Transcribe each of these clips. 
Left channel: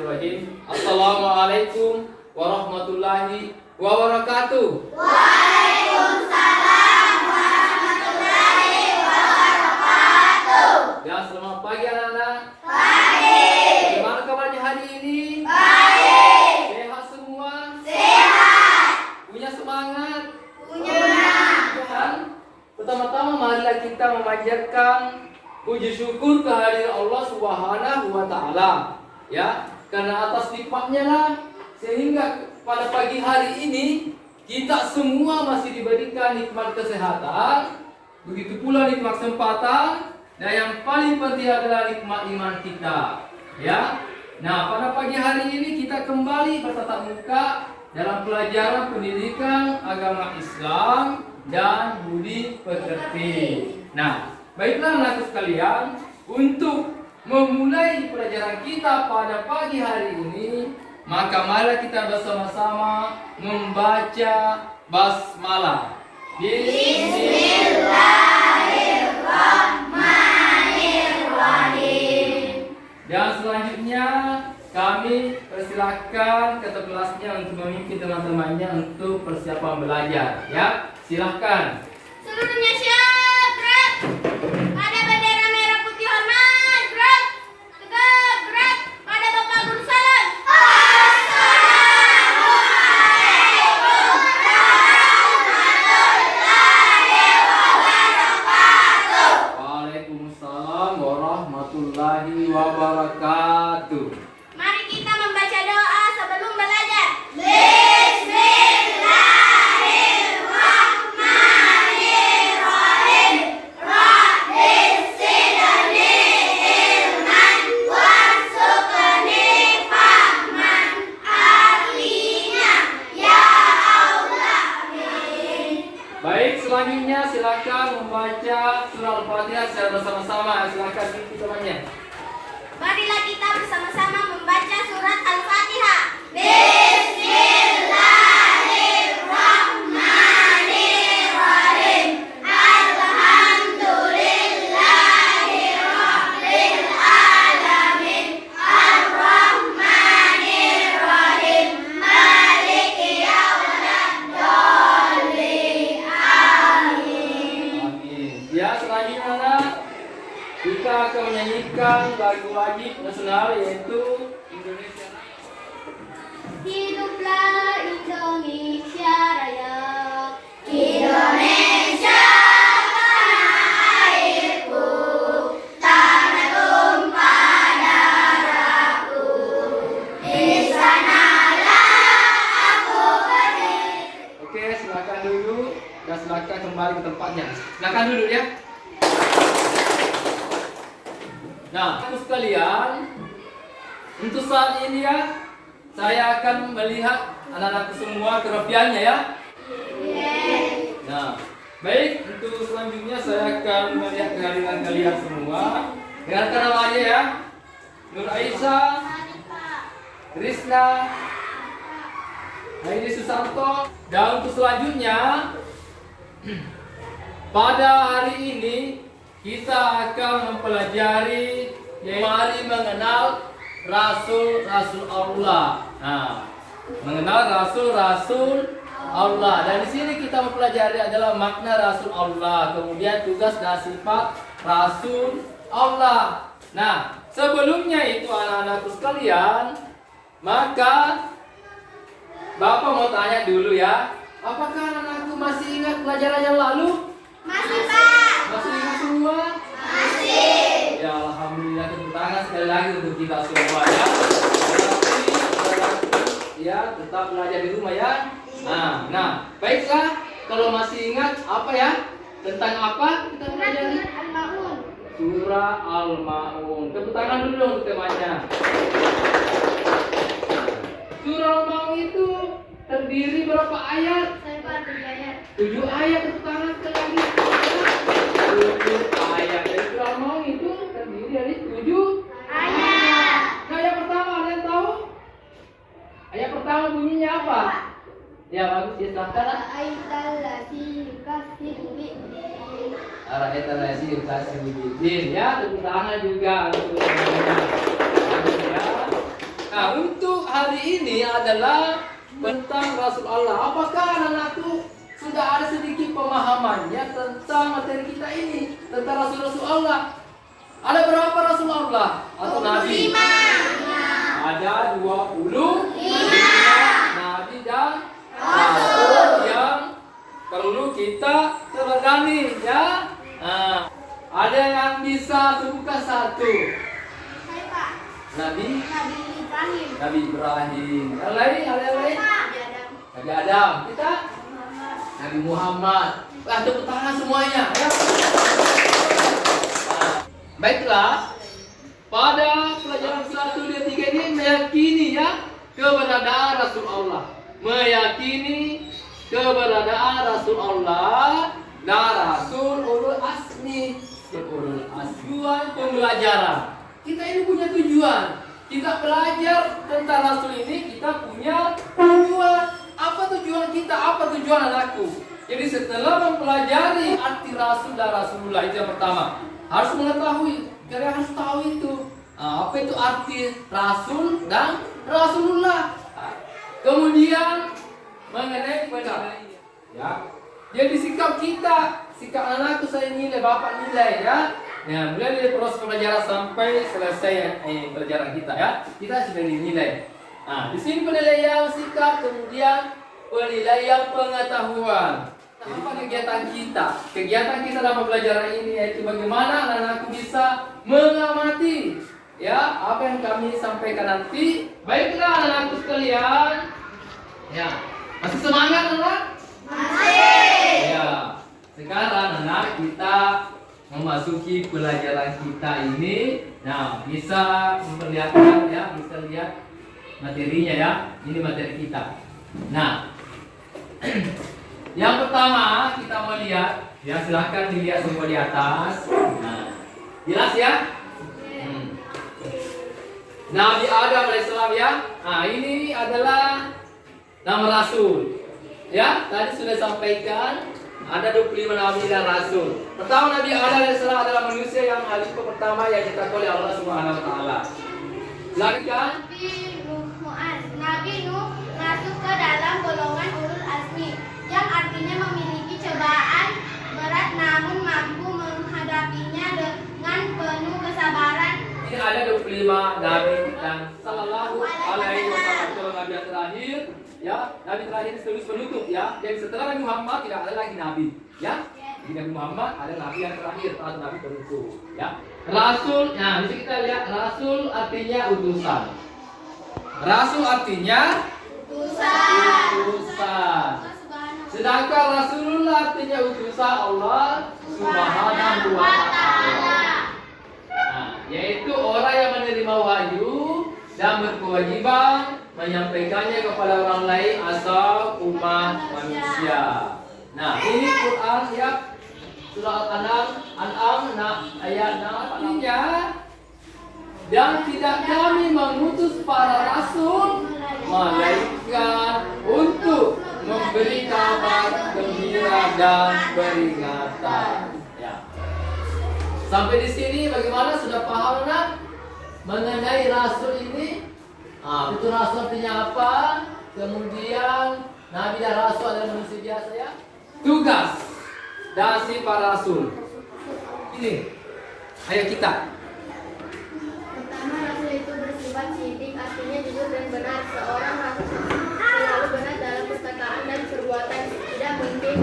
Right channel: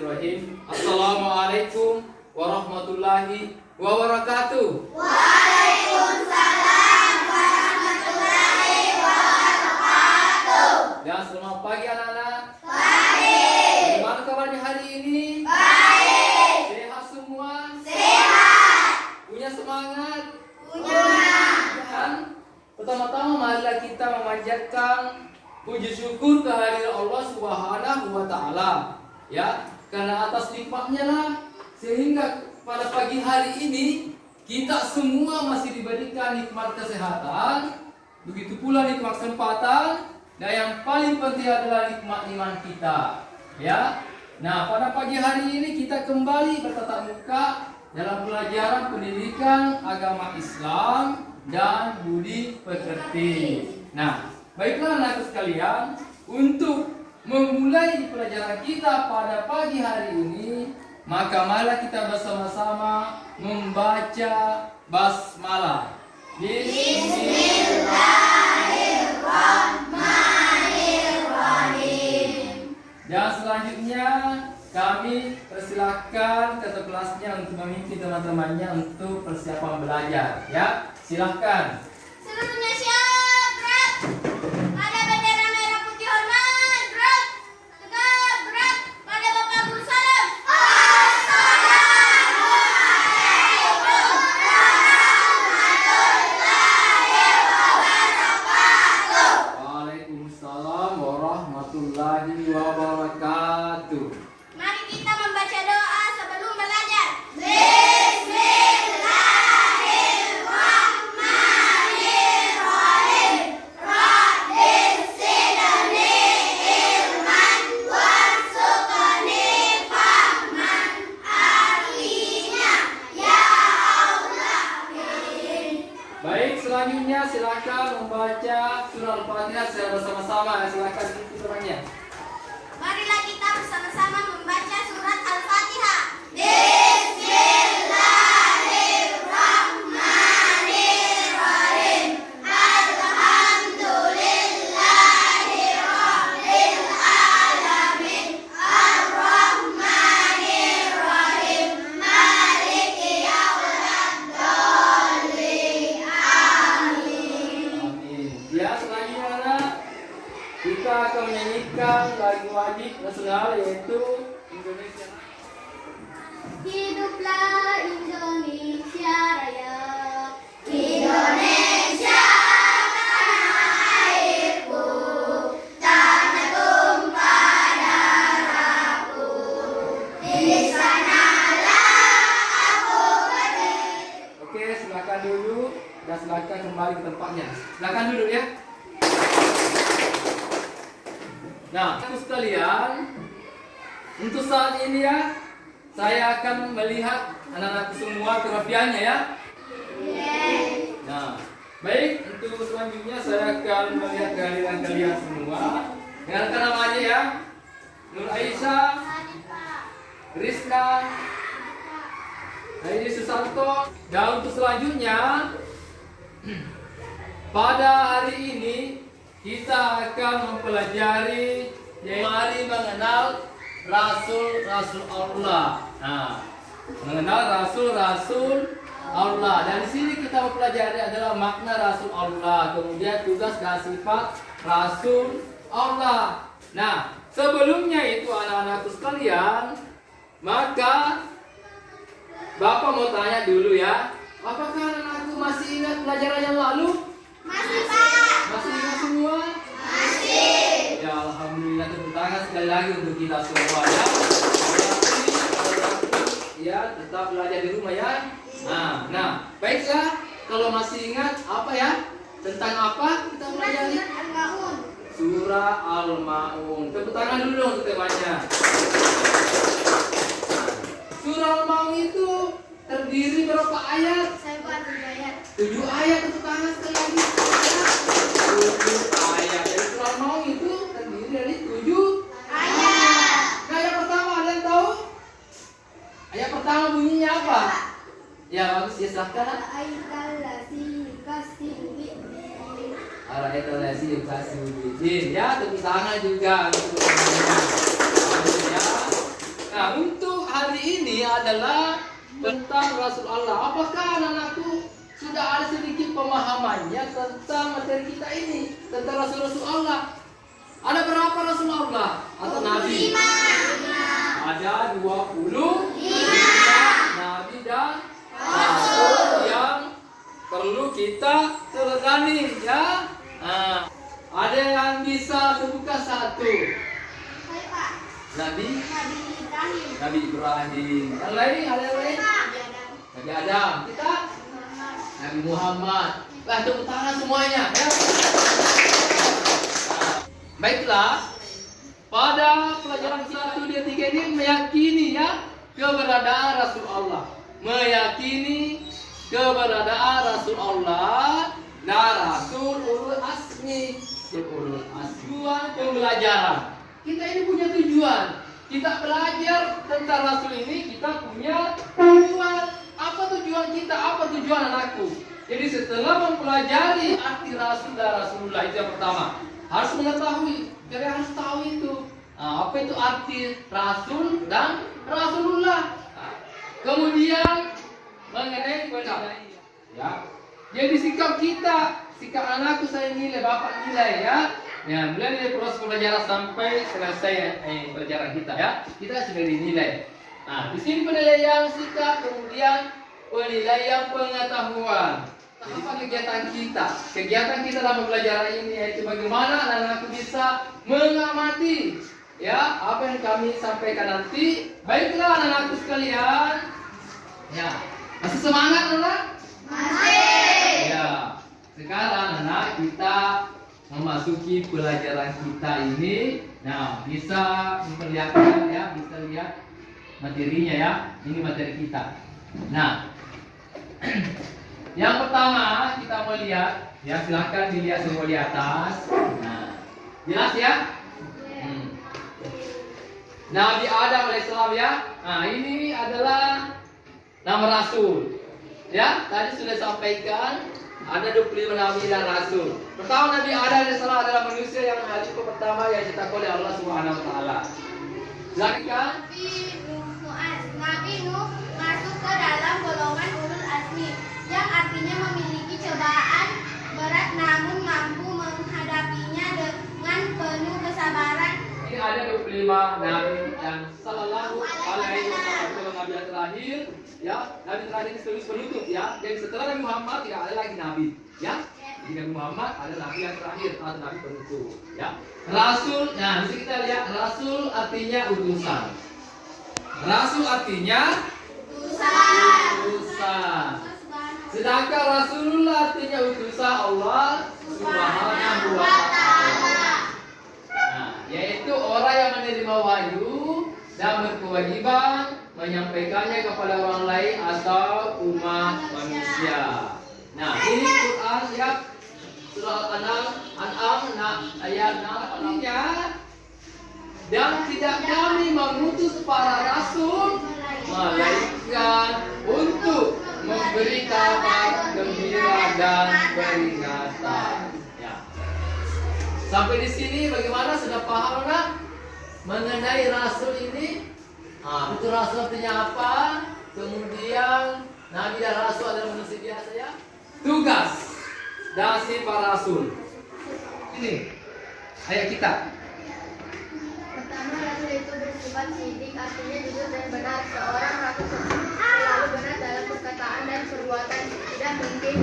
Bismillahirrahmanirrahim. Assalamualaikum warahmatullahi wabarakatuh. Waalaikumsalam warahmatullahi wabarakatuh. Ya, selamat pagi anak-anak. Pagi. Bagaimana kabarnya hari ini? Baik. Sehat semua? Sehat. Punya semangat? Punya. Dan pertama-tama marilah kita memanjatkan puji syukur kehadiran Allah Subhanahu wa taala. Ya, karena atas nikmatnya lah sehingga pada pagi hari ini kita semua masih diberikan nikmat kesehatan, begitu pula nikmat kesempatan, dan yang paling penting adalah nikmat iman kita. Ya. Nah, pada pagi hari ini kita kembali bertatap muka dalam pelajaran pendidikan agama Islam dan budi pekerti. Nah, baiklah anak sekalian, untuk memulai pelajaran kita pada pagi hari ini, maka marilah kita bersama-sama membaca basmalah. Bismillahirrahmanirrahim. Dan selanjutnya kami persilahkan ketua kelasnya untuk memimpin teman-temannya untuk persiapan belajar. Ya, silahkan. Seluruhnya siap, gerak. Pada bendera merah putih hormat, gerak. Tegak, gerak. Pada Bapak Guru salam. Assalamualaikum warahmatullahi wabarakatuh. Waalaikumsalam warahmatullahi wabarakatuh. Mari kita membaca doa sebelum belajar. Bismillahirrahmanirrahim. Rabbis zidni ilman warzuqni fahman. Artinya, ya Allah. Baik, selanjutnya silakan membaca surah Al-Fatihah secara bersama-sama. Silakan ikuti temannya. Marilah kita bersama-sama membaca surat Al-Fatihah. Bismillahirrahmanirrahim. Alhamdulillahirabbil alamin. Ar-Rahmanirrahim. Maliki yaumiddin. Amin. Amin. Ya, selanjutnya anak, kita akan menyanyikan lagu wajib nasional yaitu Indonesia. Hiduplah Indonesia Raya. Indonesia tanah airku, tanah tumpah darahku. Di sanalah aku berdiri. Oke, silakan duduk dan silakan kembali ke tempatnya. Silakan duduk ya. Nah, untuk sekalian, untuk saat ini ya, saya akan melihat anak-anak semua kerapiannya ya. Nah, baik, untuk selanjutnya saya akan melihat kehadiran kalian semua. Dengarkan nama aja ya. Nur Aisyah, Krisna, Heidi Susanto. Dan untuk selanjutnya, pada hari ini kita akan mempelajari yaitu mari mengenal Rasul-Rasul Allah. Nah, mengenal Rasul-Rasul Allah. Dan di sini kita mempelajari adalah makna Rasul Allah, kemudian tugas dan sifat Rasul Allah. Nah, sebelumnya itu anak-anakku sekalian, maka Bapak mau tanya dulu ya, apakah anak-anakku masih ingat pelajaran yang lalu? Masih, Pak. Masih ingat semua? Masih. Ya, alhamdulillah, tepuk tangan sekali lagi untuk kita semua ya. Ya, tetap belajar di rumah ya. Nah, baiklah. Kalau masih ingat apa ya? Tentang apa kita pelajari? Al-Maun. Surah Al-Maun. Tepuk tangan dulu untuk temannya. Surah Al-Maun itu terdiri berapa ayat? Saya bukan bergaya. 7 ayat. Tepuk tangan sekali lagi. 7 ayat. Jadi surah Al-Maun itu terdiri dari 7 Ayat. Nah, ayat pertama ada yang tahu? Ayat pertama bunyinya apa? Ya, bagus ya, silahkan. Aitalladzi yukazzibu biddin. Ara'aital-ladzi yukazzibu biddin. Ya, tepuk tangan juga untuk teman-teman. Bagus ya. Nah, Ya, untuk hari ini adalah tentang Rasul Allah. Apakah anak-anakku sudah ada sedikit pemahamannya tentang materi kita ini, tentang Rasul-Rasul Allah? Ada berapa Rasul Allah atau Nabi? 5. Ada 25 Nabi dan Rasul yang perlu kita teladani, ya. Nah, ada yang bisa sebutkan satu? Hai Pak. Nabi Nabi Ibrahim. Nabi Ibrahim. Yang lain, ada yang lain? Nabi Adam. Nabi Adam. Kita Muhammad. Nabi Muhammad. Wah, tepuk tangan semuanya, ya. Nah, baiklah. Pada pelajaran 1, 2, 3 ini meyakini, ya, keberadaan Rasul Allah. Meyakini keberadaan Rasul Allah dan Rasul ulul azmi. Ulul azmi. Tujuan pembelajaran. Kita ini punya tujuan. Kita belajar tentang Rasul ini, kita punya tujuan. Apa tujuan kita? Apa tujuan anakku? Jadi setelah mempelajari arti Rasul dan Rasulullah, itu yang pertama. Harus mengetahui, kalian harus tahu itu. Apa itu arti Rasul dan Rasulullah. Kemudian mengenai penilaian. Ya. Jadi sikap kita, sikap anakku saya nilai, bapak nilai, ya. Ya, mulai dari proses pembelajaran sampai selesai pelajaran kita, ya. Kita sudah dinilai. Nah, di sini penilaian sikap, kemudian penilaian pengetahuan. Apa kegiatan kita? Kegiatan kita dalam pembelajaran ini yaitu bagaimana anak-anakku bisa mengamati, ya, apa yang kami sampaikan nanti. Baiklah anak-anakku sekalian. Ya, masih semangat anak? Masih. Ya. Sekarang anak kita memasuki pelajaran kita ini. Nah, bisa memperlihatkan, ya, bisa lihat materinya, ya. Ini materi kita. Nah, yang pertama kita mau lihat, ya, silahkan dilihat semua di atas. Nah, jelas, ya? Nabi Adam alaihissalam, ya. Nah, ini adalah nama Rasul. Ya, tadi sudah sampaikan ada 25 Nabi dan Rasul. Pertama Nabi Adam alaihissalam adalah manusia yang khalifah pertama yang diciptakan oleh Allah Subhanahu Wa Taala. Silakan. Nabi Nuh masuk ke dalam golongan ulul azmi, yang artinya memiliki cobaan berat namun mampu menghadapinya dengan penuh kesabaran. Ini ada 25 Nabi dan Sallallahu Alaihi Wasallam kalau Nabi yang terakhir, ya, Nabi terakhir sekaligus penutup, ya. Jadi setelah Nabi Muhammad tidak ada lagi Nabi, ya. Jadi Nabi Muhammad ada Nabi yang terakhir atau Nabi penutup, ya. Rasul, nah di sini kita lihat Rasul artinya utusan. Rasul artinya utusan. Sedangkan Rasulullah artinya utusan Allah Subhanahu Wa Taala. Yaitu orang yang menerima wahyu dan berkewajiban menyampaikannya kepada orang lain atau umat manusia. Nah, ini Quran, ya, surah Al-An'am ayat 6 artinya, dan tidak kami mengutus para rasul malaikat untuk memberi kabar gembira dan peringatan. Sampai di sini bagaimana, sudah paham kan mengenai Rasul ini? Itu Rasul artinya apa? Kemudian Nabi dan Rasul adalah manusia biasa, ya. Tugas dan sifat Rasul. Ini ayat kita. Pertama, Rasul itu bersifat sidik, artinya jujur dan benar. Seorang Rasul selalu benar dalam perkataan dan perbuatan. Tidak mungkin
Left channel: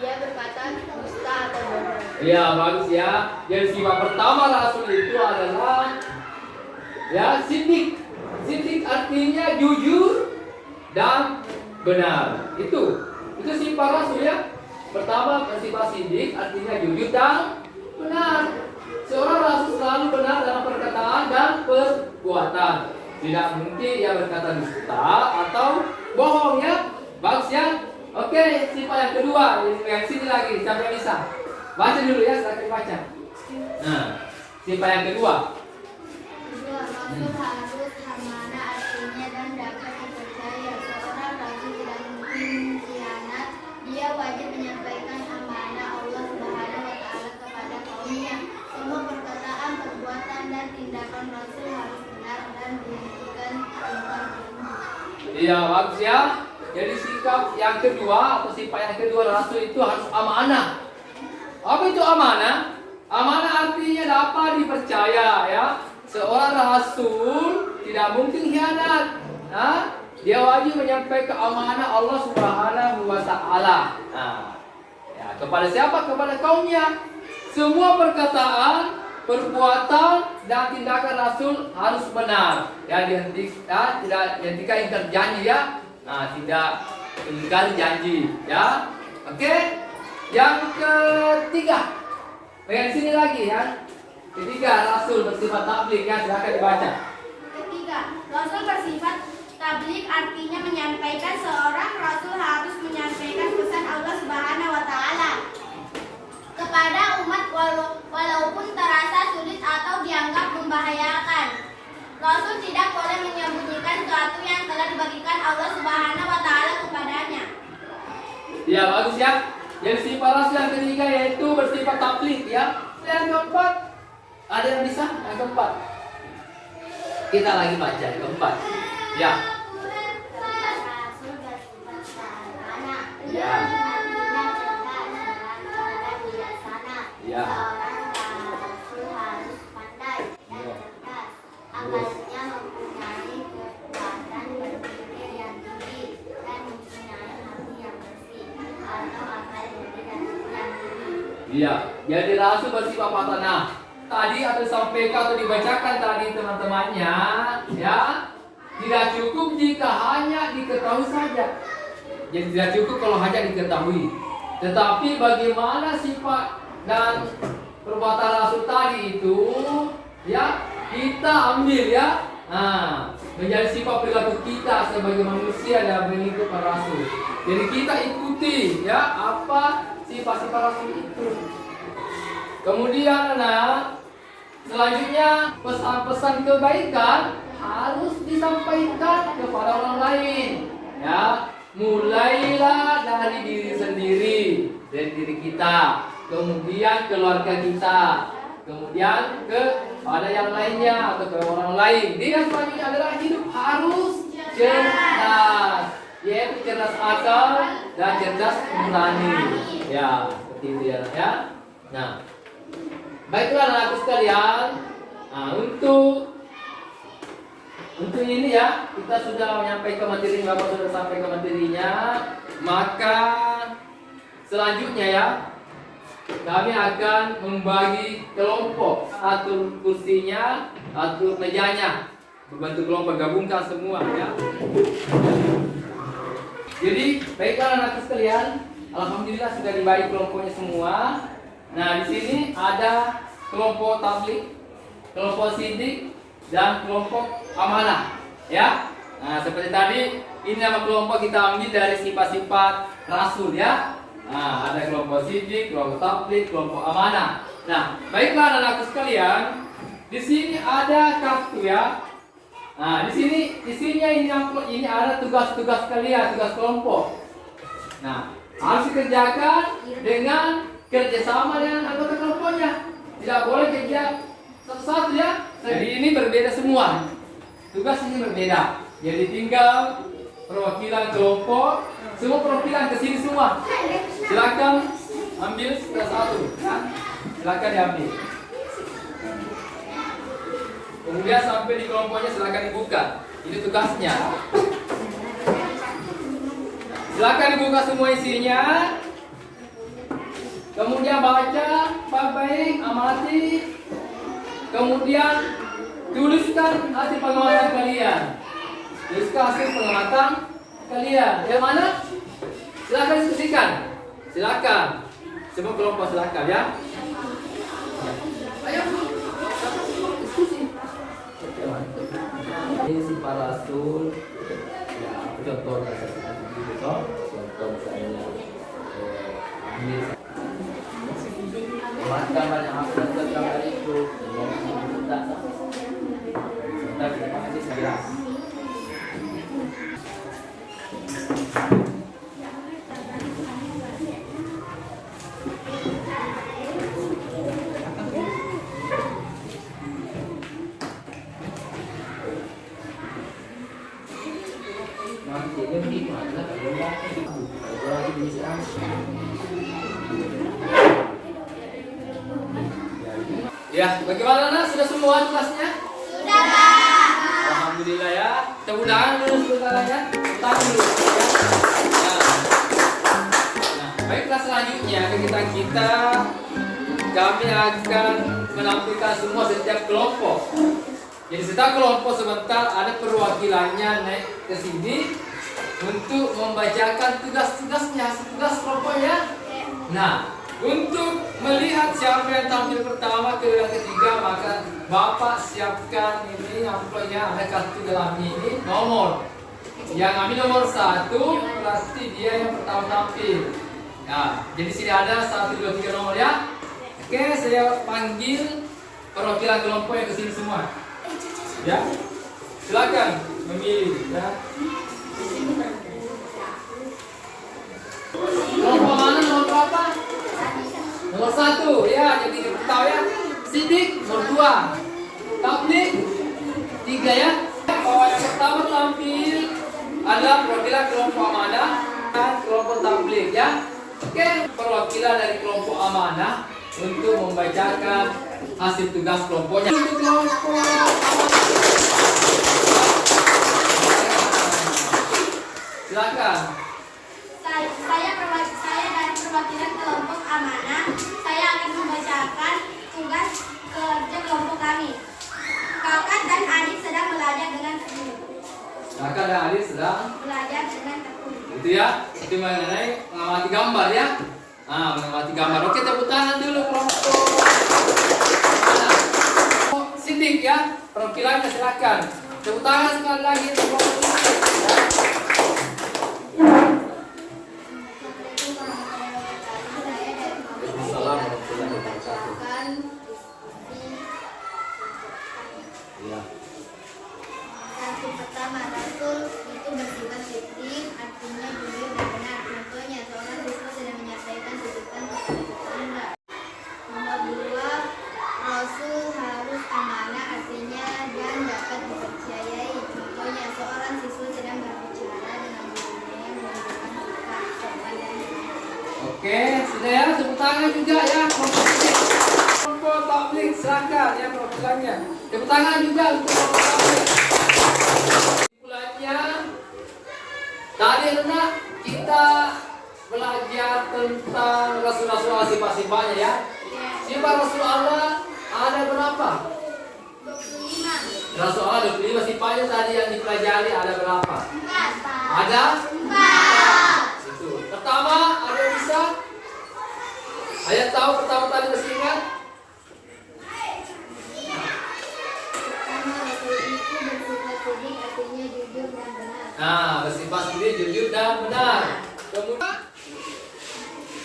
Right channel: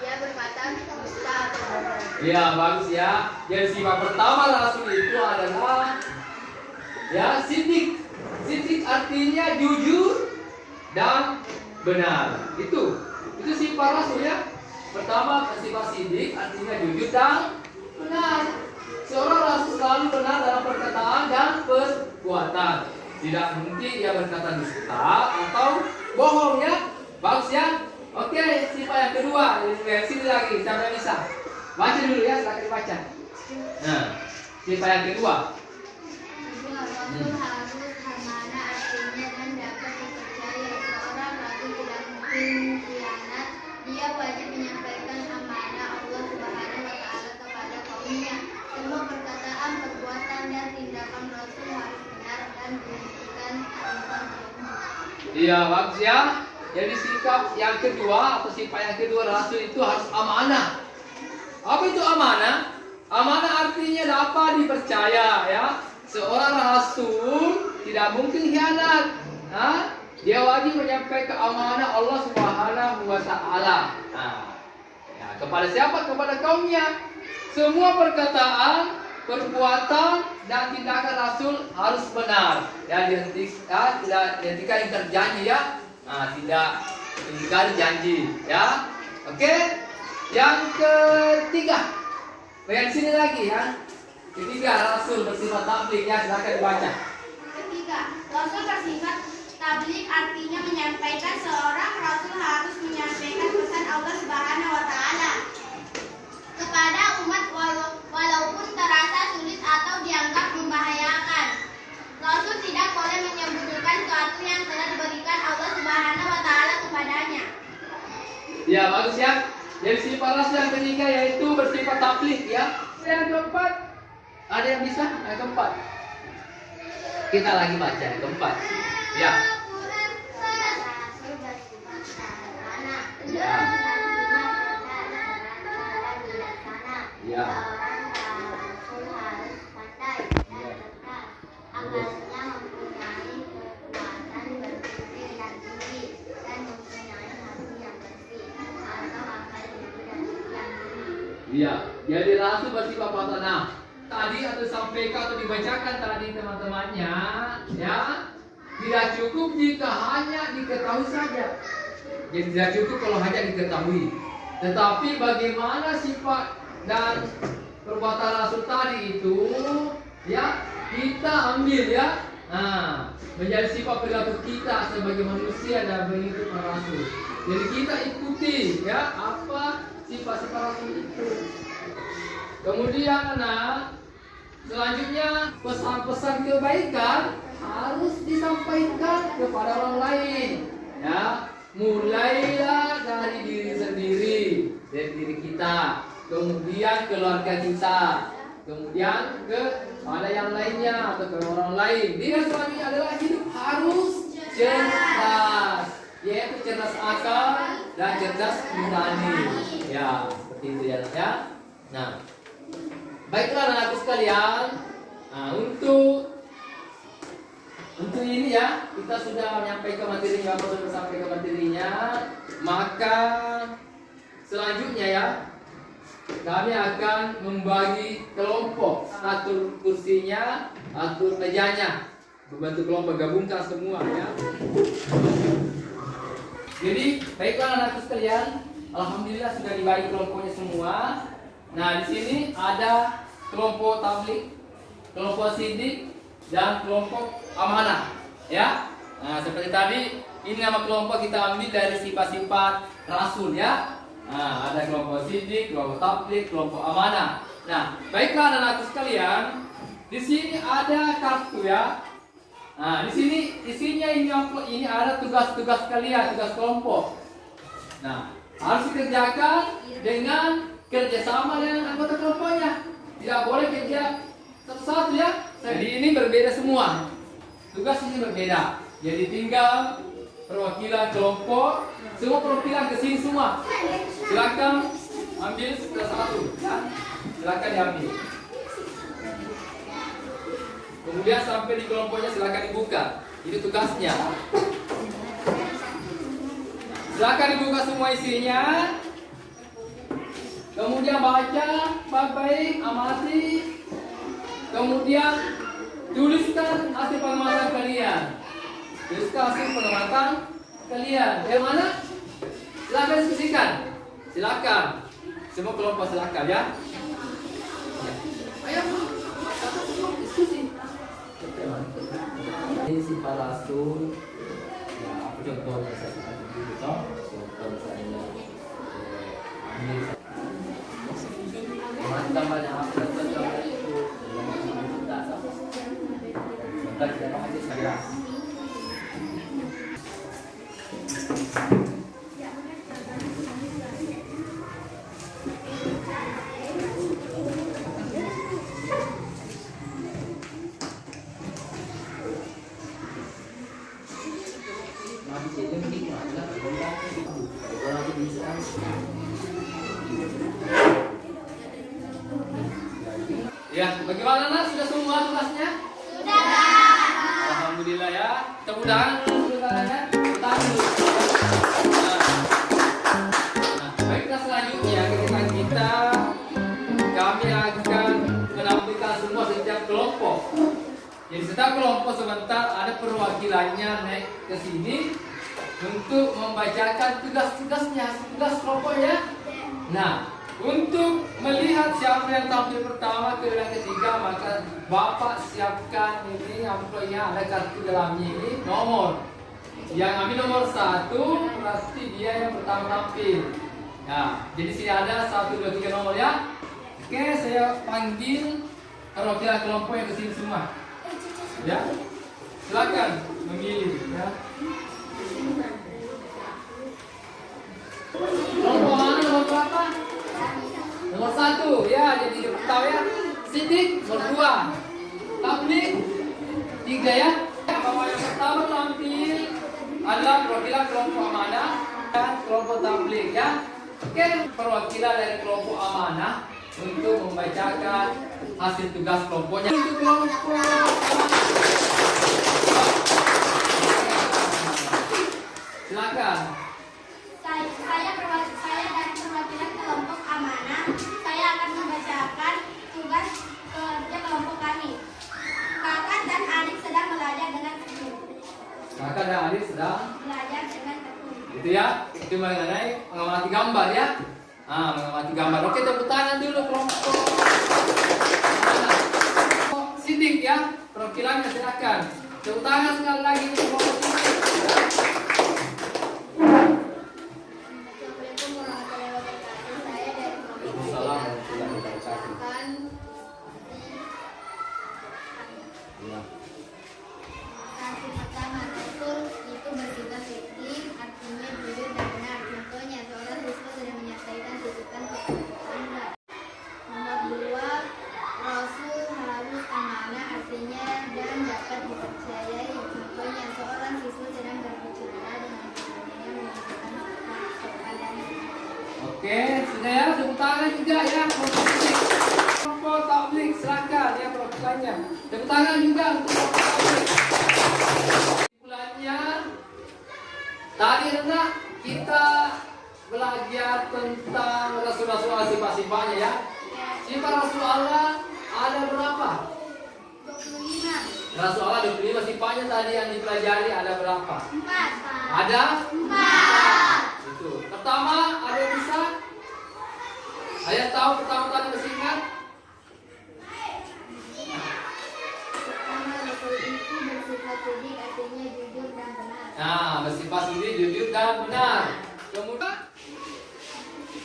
dia berkata dusta atau bohong. Ya, bagus, ya. Jadi sifat pertama Rasul itu adalah, ya, sidik. Sidik artinya jujur dan benar. Itu sifat Rasul, ya. Pertama, sifat sidik artinya jujur dan benar. Seorang Rasul selalu benar dalam perkataan dan perbuatan. Tidak mungkin dia berkata dusta atau bohong, ya. Bagus, ya. Oke, sifat yang kedua, yang sini lagi, sampai bisa. Baca dulu, ya, silakan baca. Nah, sifat yang kedua. Rasul harus amanah, artinya dan dapat dipercaya. Seorang rasul tidak mungkin khianat. Dia wajib menyampaikan amanah Allah Subhanahu Wa Taala kepada kaumnya. Semua perkataan, perbuatan dan tindakan Rasul harus benar dan dibuktikan Iya, bagus ya. Jadi sikap yang kedua atau sifat yang kedua Rasul itu harus amanah. Apa itu amanah? Amanah artinya dapat dipercaya ya. Seorang Rasul tidak mungkin khianat. Nah, dia wajib menyampaikan amanah Allah Subhanahu wa taala. Nah, ya, kepada siapa? Kepada kaumnya. Semua perkataan, perbuatan dan tindakan Rasul harus benar. Ya, tidak ingkar janji ya. Nah, tidak ingkar janji ya. Oke. Yang ketiga. Bagian sini lagi ya. Ketiga, Rasul bersifat tabligh ya, silakan dibaca. Ketiga, Rasul bersifat tabligh artinya menyampaikan. Seorang Rasul harus menyampaikan pesan Allah Subhanahu wa taala kepada umat walaupun terasa sulit atau dianggap membahayakan. Rasul tidak boleh menyembunyikan sesuatu yang telah diberikan Allah Subhanahu wa taala kepadanya. Ya, bagus ya. Jadi sifat Rasul yang ketiga yaitu bersifat tabligh ya. Yang keempat, ada yang bisa? Yang keempat. Kita lagi baca yang keempat. Ya. Rasul bersifat sederhana. Ya. Ya. Seorang Rasul harus pandai dan cerdas. Akalnya mempunyai kekuatan berpikir yang tinggi dan mempunyai hati yang bersih atau akal yang tinggi. Iya. Jadi Rasul bersifat apa? Nah, tadi atau sampaikan atau dibacakan tadi teman-temannya, ya. Tidak cukup jika hanya diketahui saja. Jadi tidak cukup kalau hanya diketahui. Tetapi bagaimana sifat dan perbuatan Rasul tadi itu, ya, kita ambil ya. Nah, menjadi sifat perilaku kita sebagai manusia dan mengikut Rasul. Jadi kita ikuti ya apa sifat-sifat Rasul itu. Kemudian anak, selanjutnya pesan-pesan kebaikan harus disampaikan kepada orang lain. Ya, mulailah dari diri sendiri, dari diri kita, kemudian keluarga kita, kemudian kepada yang lainnya atau ke orang lain. Dan selanjutnya adalah hidup harus cerdas, yaitu cerdas akal dan cerdas nurani. Ya, seperti itu ya. Nah, baiklah anak-anakku sekalian. Nah, untuk ini ya, kita sudah menyampaikan materi, Bapak sudah sampaikan materinya. Maka selanjutnya ya, kami akan membagi kelompok. Atur kursinya, atur mejanya, membantu kelompok, gabungkan semua ya. Jadi baiklah anak-anakku sekalian, alhamdulillah sudah dibagi kelompoknya semua. Nah, di sini ada kelompok tabligh, kelompok sidik, dan kelompok amanah, ya. Nah, seperti tadi, ini nama kelompok kita ambil dari sifat-sifat Rasul, ya. Nah, ada kelompok sidik, kelompok tabligh, kelompok amanah. Nah, baiklah anak-anakku sekalian, di sini ada kartu ya. Nah, di sini isinya ini ada tugas-tugas kalian, tugas kelompok. Nah, harus dikerjakan dengan kerjasama dengan anggota kelompoknya. Tidak boleh kerja satu-satu ya. Jadi ini berbeda semua. Tugas ini berbeda. Jadi tinggal perwakilan kelompok, semua perwakilan ke sini semua. Silakan ambil satu. Ya. Silakan diambil. Kemudian sampai di kelompoknya silakan dibuka. Ini tugasnya. Silakan dibuka semua isinya. Kemudian baca baik-baik, amati. Kemudian tuliskan hasil pengamatan kalian. Tuliskan hasil pengamatan kalian. Yang mana? Silakan diskusikan. Silakan. Semua kelompok silakan ya. Ayo diskusi. Ini sifat Rasul. Ya, contohnya saya contoh misalnya ambil gambar yang aku gambar itu sebentar kita aja saya. Ya, bagaimana nak? Sudah semua tugasnya? Sudah, Pak. Alhamdulillah ya. Tepuk tangan dulu sebentarnya. Tepuk tangan dulu. Ya. Nah, baiklah selanjutnya kegiatan kita kami akan menampilkan semua setiap kelompok. Jadi setiap kelompok sebentar ada perwakilannya naik ke sini untuk membacakan tugas-tugasnya, tugas kelompoknya. Nah, untuk melihat siapa yang tampil pertama ke yang ketiga, maka Bapak siapkan ini amplopnya, ada kartu dalamnya ini nomor. Yang ambil nomor 1 pasti dia yang pertama tampil. Nah, jadi sini ada 1, 2, 3 nomor ya. Oke, saya panggil perwakilan kelompok yang kesini semua. Ya, silakan memilih. Ya. Kelompok mana nomor berapa? Nomor 1 ya, jadi tahu ya. Sidik nomor 2. Tablik 3 ya. Kalau yang pertama tampil adalah perwakilan kelompok amanah dan kelompok tablik ya. Oke, perwakilan dari kelompok amanah untuk membacakan hasil tugas kelompoknya. Untuk kelompok amanah. Silakan. Saya dari perwakilan kelompok amanah. Saya akan membacakan tugas kerja kelompok kami. Kakak dan adik sedang belajar dengan tekun. Kakak dan adik sedang Belajar dengan tekun. itu ya, itu mengenai mengamati gambar ya. Mengamati gambar. Oke, tepuk tangan dulu kelompok. Sidik ya, perwakilannya silakan. Tepuk tangan sekali lagi kelompok sidik. Ya. Assalamualaikum warahmatullahi wabarakatuh. Saya dari kelompok Waalaikumsalam akan warahmatullahi wabarakatuh. membacakan Ya. satu pertama, Rasul itu bersifat fikih, artinya jujur dan benar. Contohnya, seorang siswa sedang menyampaikan titipan kepada tetangga. Nomor 2, Rasul harus amanah, artinya dan dapat dipercayai. Contohnya, seorang siswa sedang berbicara dengan gurunya yang menunjukkan sikap sopan dan santun. Oke, sudah ya, tepuk tangan juga ya. Kelompok tablik silakan ya perwakilannya. Tepuk tangan juga untuk kelompok tablik. Kesimpulannya, tadi hendak kita belajar tentang rasul-rasul sifat-sifatnya ya. Sifat Rasul Allah ada berapa? 25. Rasul Allah 25 sifatnya tadi yang dipelajari ada berapa? 4. Ada 4. itu. Pertama, ada yang bisa? Ada yang tahu pertama tadi masih ingat? Pertama, Rasul itu bersifat sidik, artinya jujur dan benar. Nah, bersifat sendiri jujur dan benar. Kemudian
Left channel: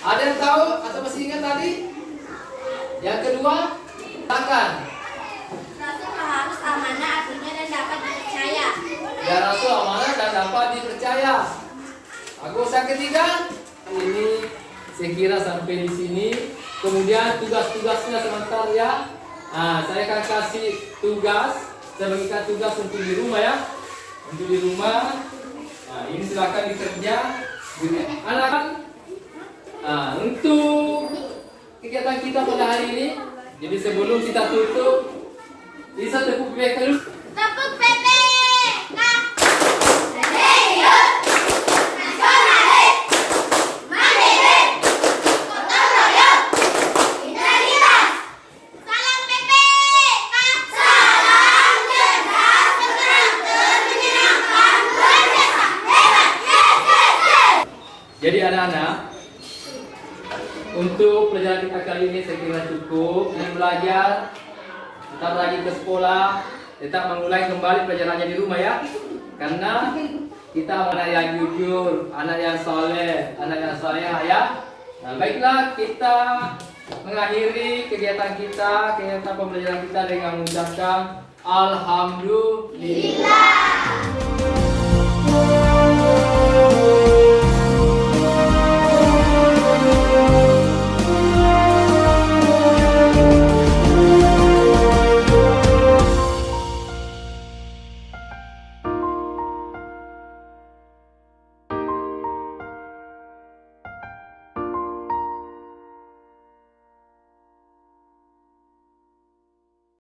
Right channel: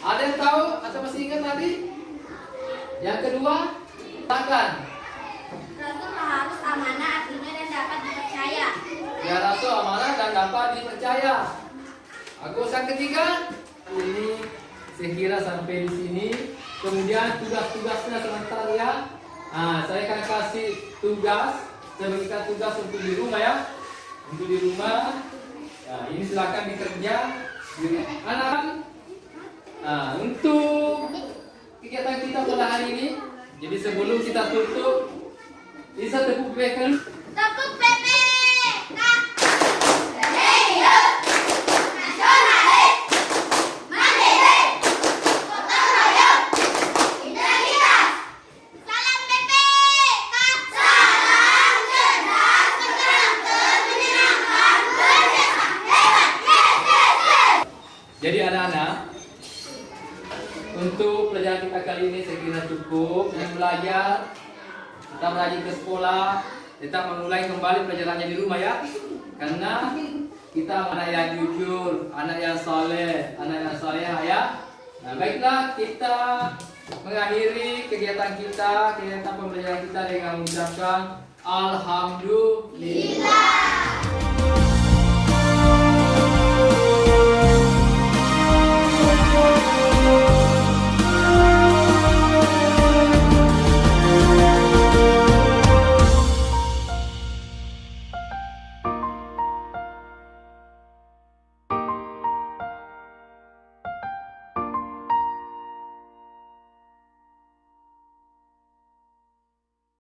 ada yang tahu atau masih ingat tadi? Yang kedua, silakan. Rasul harus amanah, artinya dan dapat dipercaya. Ya, Rasul amanah dan dapat dipercaya. Agus yang ketiga, ini saya kira sampai di sini. Kemudian tugas-tugasnya sebentar ya. Nah, saya akan kasih tugas. Saya berikan tugas untuk di rumah ya. Untuk di rumah. Nah, ini silakan dikerja. Anak-anak. Nah, untuk kegiatan kita pada hari ini. Jadi sebelum kita tutup, bisa tepuk bekel. Tepuk PP. Serius. Nasionalis. Mandiri. Gotong royong. Integritas. Salam PP. Salam cerdas, terang, menyenangkan, berjasa, hebat, yes. Jadi anak-anak, untuk pelajaran kita kali ini saya kira cukup. Yang belajar, kita belajar ke sekolah, tetap mengulangi kembali pelajarannya di rumah ya. Karena kita anak yang jujur, anak yang soleh, anak yang salehah ya. Nah, baiklah kita mengakhiri kegiatan kita, kegiatan pembelajaran kita dengan mengucapkan Alhamdulillah.